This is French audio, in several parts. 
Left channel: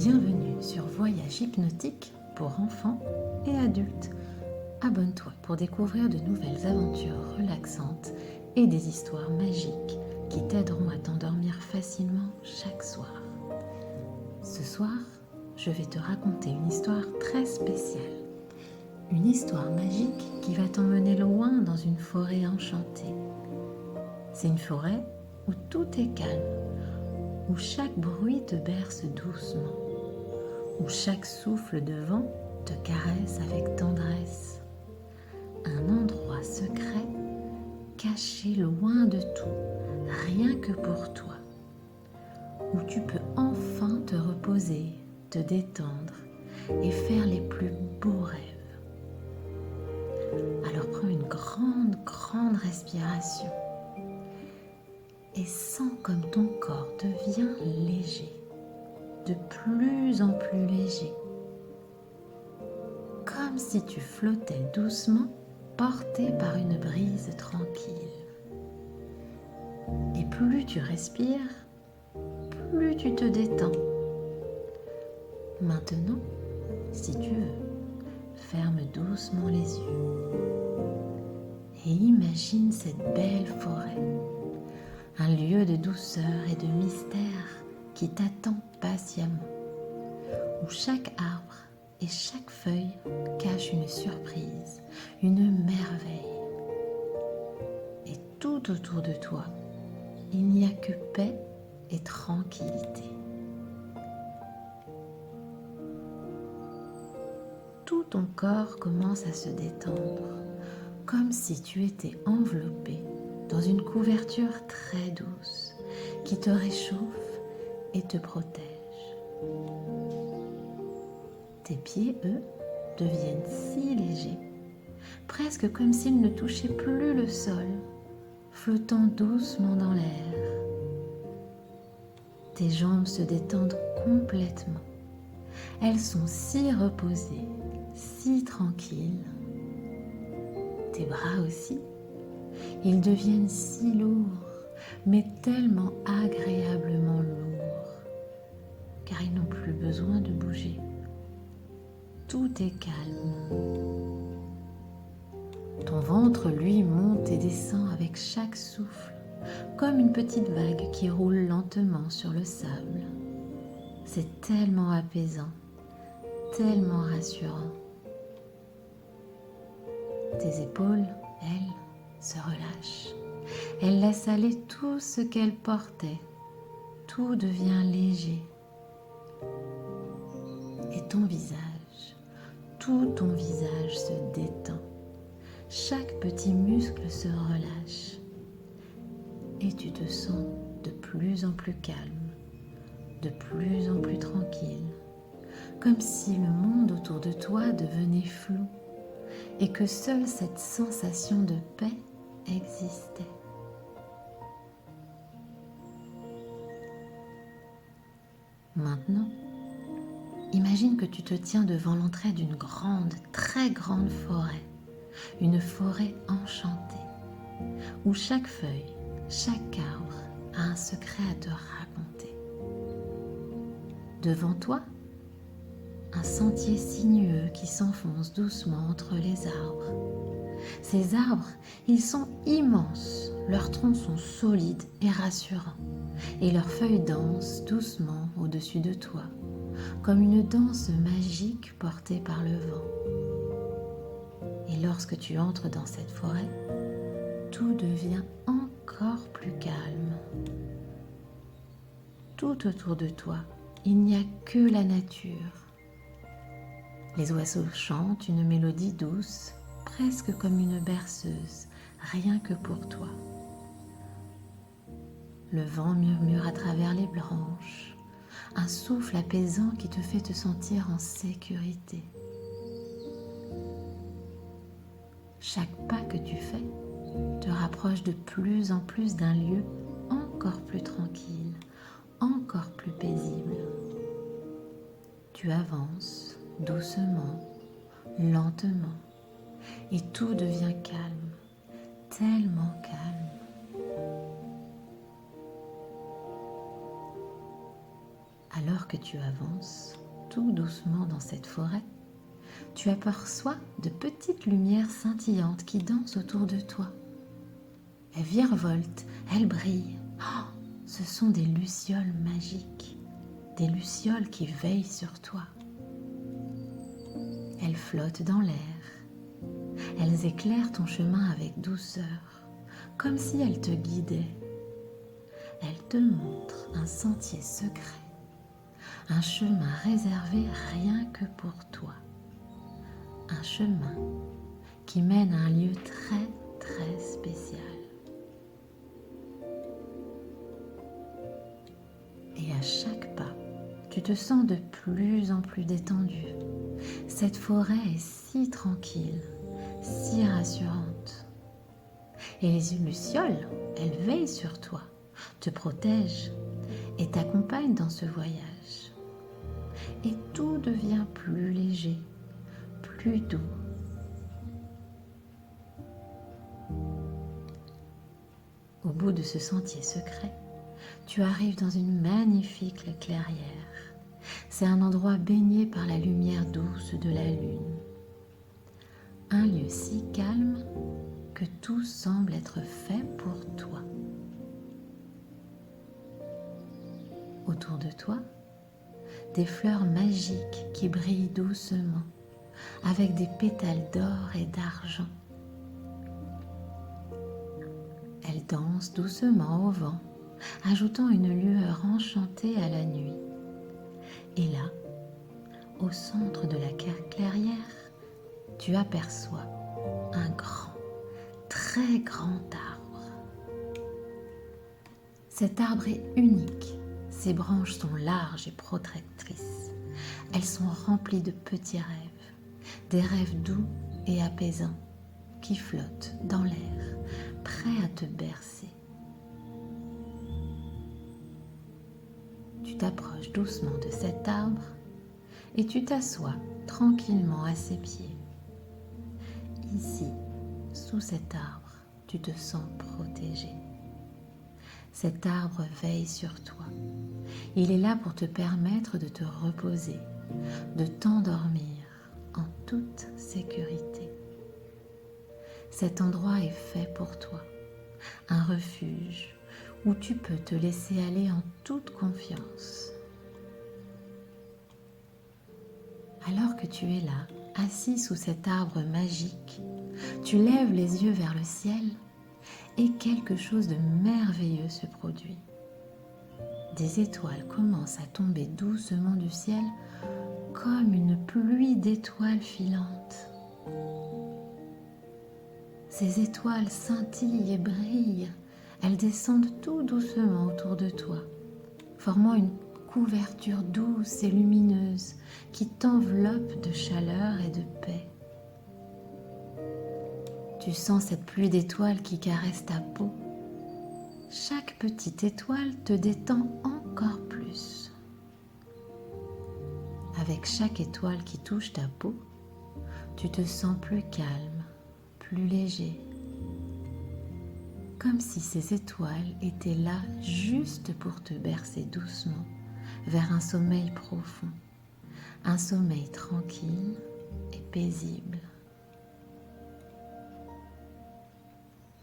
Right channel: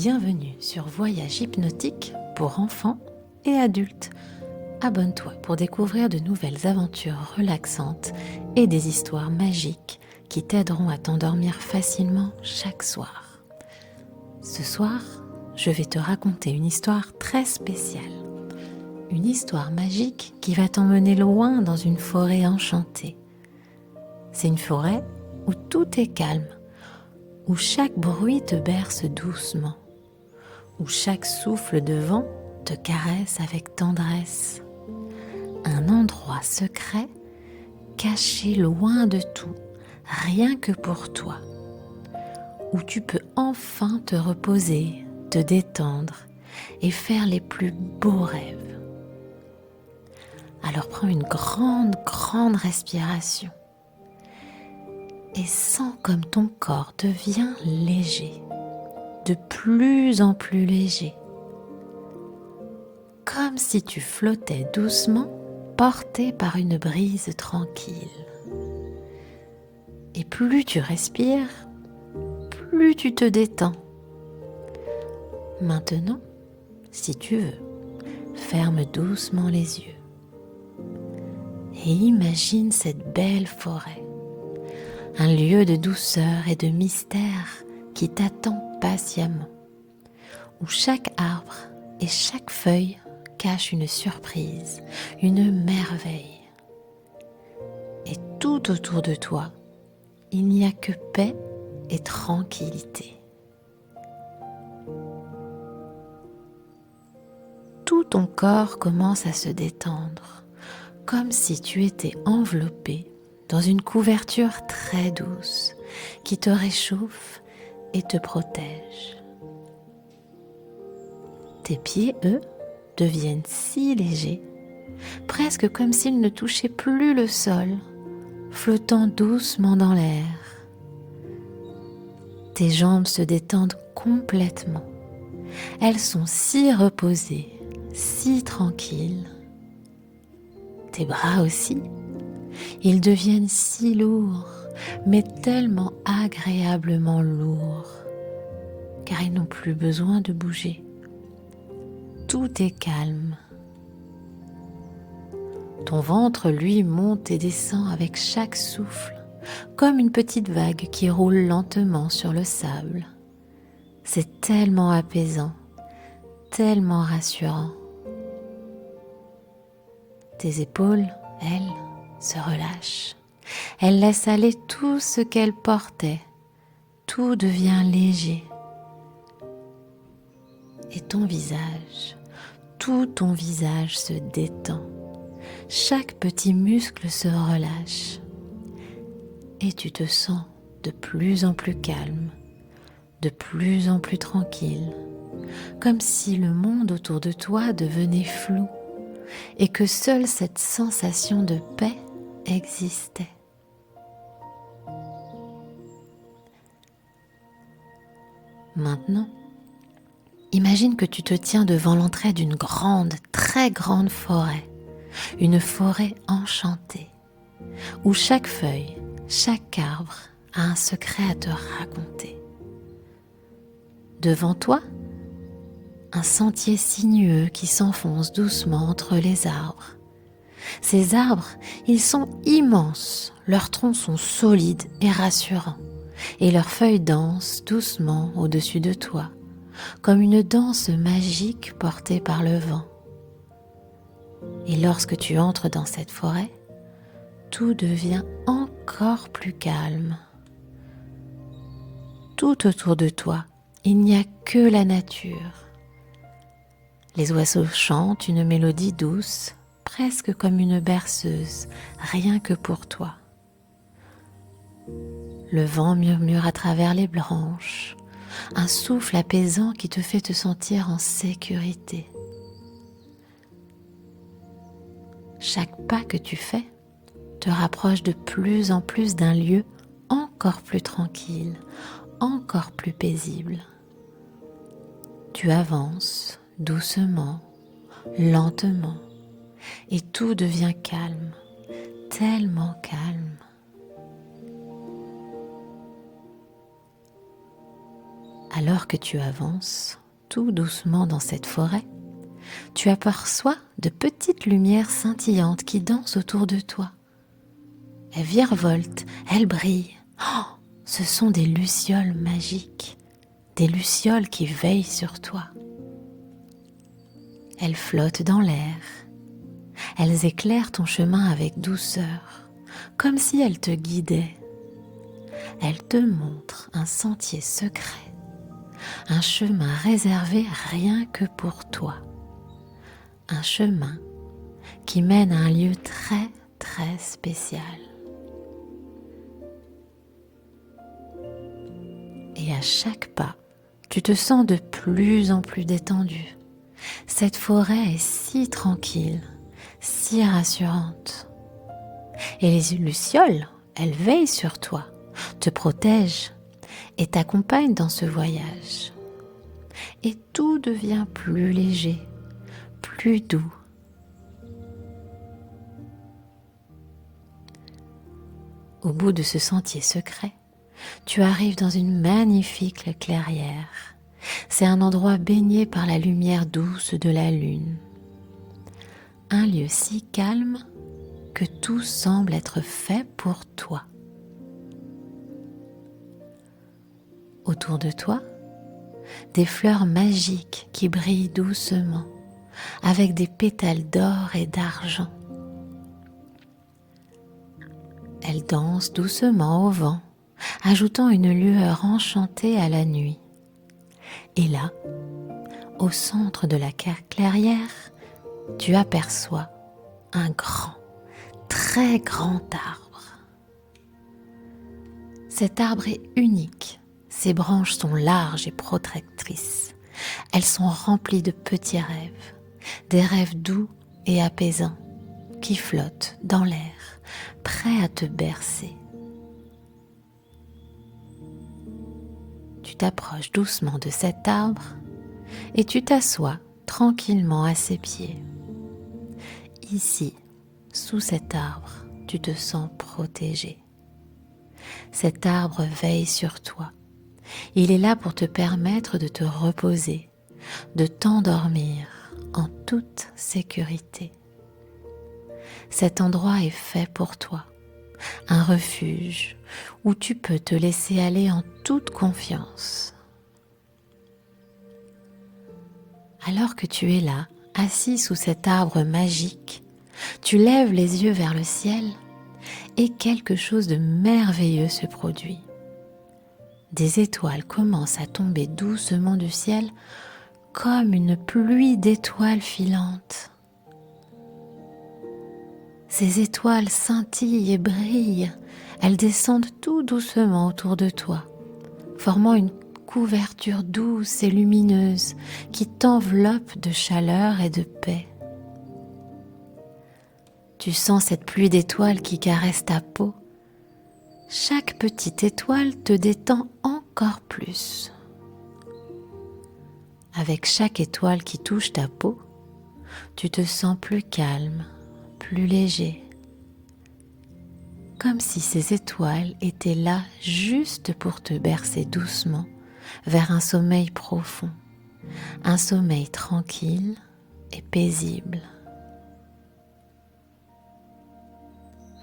Bienvenue sur Voyage hypnotique pour enfants et adultes. Abonne-toi pour découvrir de nouvelles aventures relaxantes et des histoires magiques qui t'aideront à t'endormir facilement chaque soir. Ce soir, je vais te raconter une histoire très spéciale. Une histoire magique qui va t'emmener loin dans une forêt enchantée. C'est une forêt où tout est calme, où chaque bruit te berce doucement, où chaque souffle de vent te caresse avec tendresse. Un endroit secret, caché loin de tout, rien que pour toi, où tu peux enfin te reposer, te détendre et faire les plus beaux rêves. Alors prends une grande respiration et sens comme ton corps devient léger, de plus en plus léger, comme si tu flottais doucement, porté par une brise tranquille. Et plus tu respires, plus tu te détends. Maintenant, si tu veux, ferme doucement les yeux et imagine cette belle forêt, un lieu de douceur et de mystère qui t'attend patiemment, où chaque arbre et chaque feuille cache une surprise, une merveille. Et tout autour de toi, il n'y a que paix et tranquillité. Tout ton corps commence à se détendre, comme si tu étais enveloppé dans une couverture très douce qui te réchauffe et te protège. Tes pieds, eux, deviennent si légers, presque comme s'ils ne touchaient plus le sol, flottant doucement dans l'air. Tes jambes se détendent complètement. Elles sont si reposées, si tranquilles. Tes bras aussi, ils deviennent si lourds, mais tellement agréablement lourds, car ils n'ont plus besoin de bouger. Tout est calme. Ton ventre, lui, monte et descend avec chaque souffle, comme une petite vague qui roule lentement sur le sable. C'est tellement apaisant, tellement rassurant. Tes épaules, elles, se relâchent. Elles laissent aller tout ce qu'elles portaient. Tout devient léger. Et ton visage, tout ton visage se détend. Chaque petit muscle se relâche. Et tu te sens de plus en plus calme, de plus en plus tranquille, comme si le monde autour de toi devenait flou et que seule cette sensation de paix existait. Maintenant, imagine que tu te tiens devant l'entrée d'une grande, très grande forêt, une forêt enchantée, où chaque feuille, chaque arbre a un secret à te raconter. Devant toi, un sentier sinueux qui s'enfonce doucement entre les arbres. Ces arbres, ils sont immenses, leurs troncs sont solides et rassurants, et leurs feuilles dansent doucement au-dessus de toi, comme une danse magique portée par le vent. Et lorsque tu entres dans cette forêt, tout devient encore plus calme. Tout autour de toi, il n'y a que la nature. Les oiseaux chantent une mélodie douce, presque comme une berceuse, rien que pour toi. Le vent murmure à travers les branches, un souffle apaisant qui te fait te sentir en sécurité. Chaque pas que tu fais te rapproche de plus en plus d'un lieu encore plus tranquille, encore plus paisible. Tu avances doucement, lentement, et tout devient calme, tellement calme. Alors que tu avances tout doucement dans cette forêt, tu aperçois de petites lumières scintillantes qui dansent autour de toi. Elles virevoltent, elles brillent. Oh, ce sont des lucioles magiques, des lucioles qui veillent sur toi. Elles flottent dans l'air. Elles éclairent ton chemin avec douceur, comme si elles te guidaient. Elles te montrent un sentier secret, un chemin réservé rien que pour toi. Un chemin qui mène à un lieu très, très spécial. Et à chaque pas, tu te sens de plus en plus détendu. Cette forêt est si tranquille, si rassurante. Et les lucioles, elles veillent sur toi, te protègent et t'accompagnent dans ce voyage. Et tout devient plus léger, plus doux. Au bout de ce sentier secret, tu arrives dans une magnifique clairière. C'est un endroit baigné par la lumière douce de la lune. Un lieu si calme que tout semble être fait pour toi. Autour de toi, des fleurs magiques qui brillent doucement, avec des pétales d'or et d'argent. Elles dansent doucement au vent, ajoutant une lueur enchantée à la nuit. Et là, au centre de la clairière, tu aperçois un grand, très grand arbre. Cet arbre est unique. Ses branches sont larges et protectrices. Elles sont remplies de petits rêves, des rêves doux et apaisants qui flottent dans l'air, prêts à te bercer. Tu t'approches doucement de cet arbre et tu t'assois tranquillement à ses pieds. Ici, sous cet arbre, tu te sens protégé. Cet arbre veille sur toi. Il est là pour te permettre de te reposer, de t'endormir en toute sécurité. Cet endroit est fait pour toi, un refuge où tu peux te laisser aller en toute confiance. Alors que tu es là, assis sous cet arbre magique, tu lèves les yeux vers le ciel et quelque chose de merveilleux se produit. Des étoiles commencent à tomber doucement du ciel comme une pluie d'étoiles filantes. Ces étoiles scintillent et brillent. Elles descendent tout doucement autour de toi, formant une couverture douce et lumineuse qui t'enveloppe de chaleur et de paix. Tu sens cette pluie d'étoiles qui caresse ta peau. Chaque petite étoile te détend encore plus. Avec chaque étoile qui touche ta peau, tu te sens plus calme, plus léger. Comme si ces étoiles étaient là juste pour te bercer doucement vers un sommeil profond, un sommeil tranquille et paisible.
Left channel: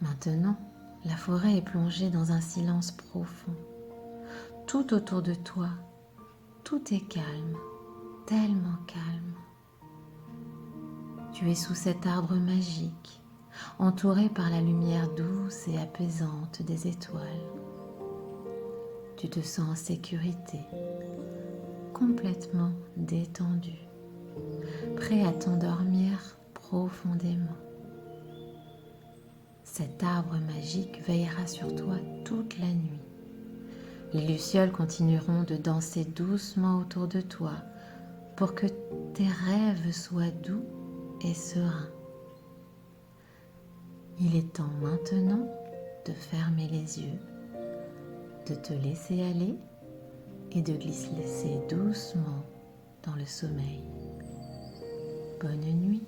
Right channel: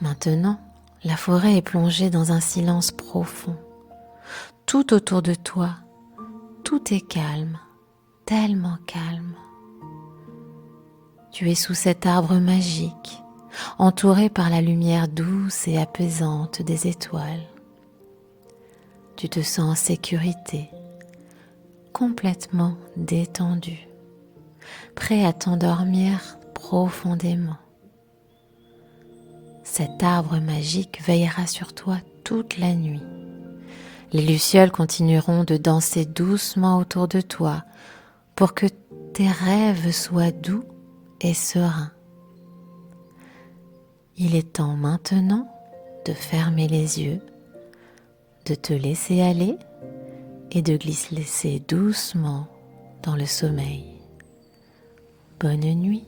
Maintenant, la forêt est plongée dans un silence profond. Tout autour de toi, tout est calme, tellement calme. Tu es sous cet arbre magique, entouré par la lumière douce et apaisante des étoiles. Tu te sens en sécurité, complètement détendu, prêt à t'endormir profondément. Cet arbre magique veillera sur toi toute la nuit. Les lucioles continueront de danser doucement autour de toi pour que tes rêves soient doux et sereins. Il est temps maintenant de fermer les yeux, de te laisser aller et de glisser doucement dans le sommeil. Bonne nuit.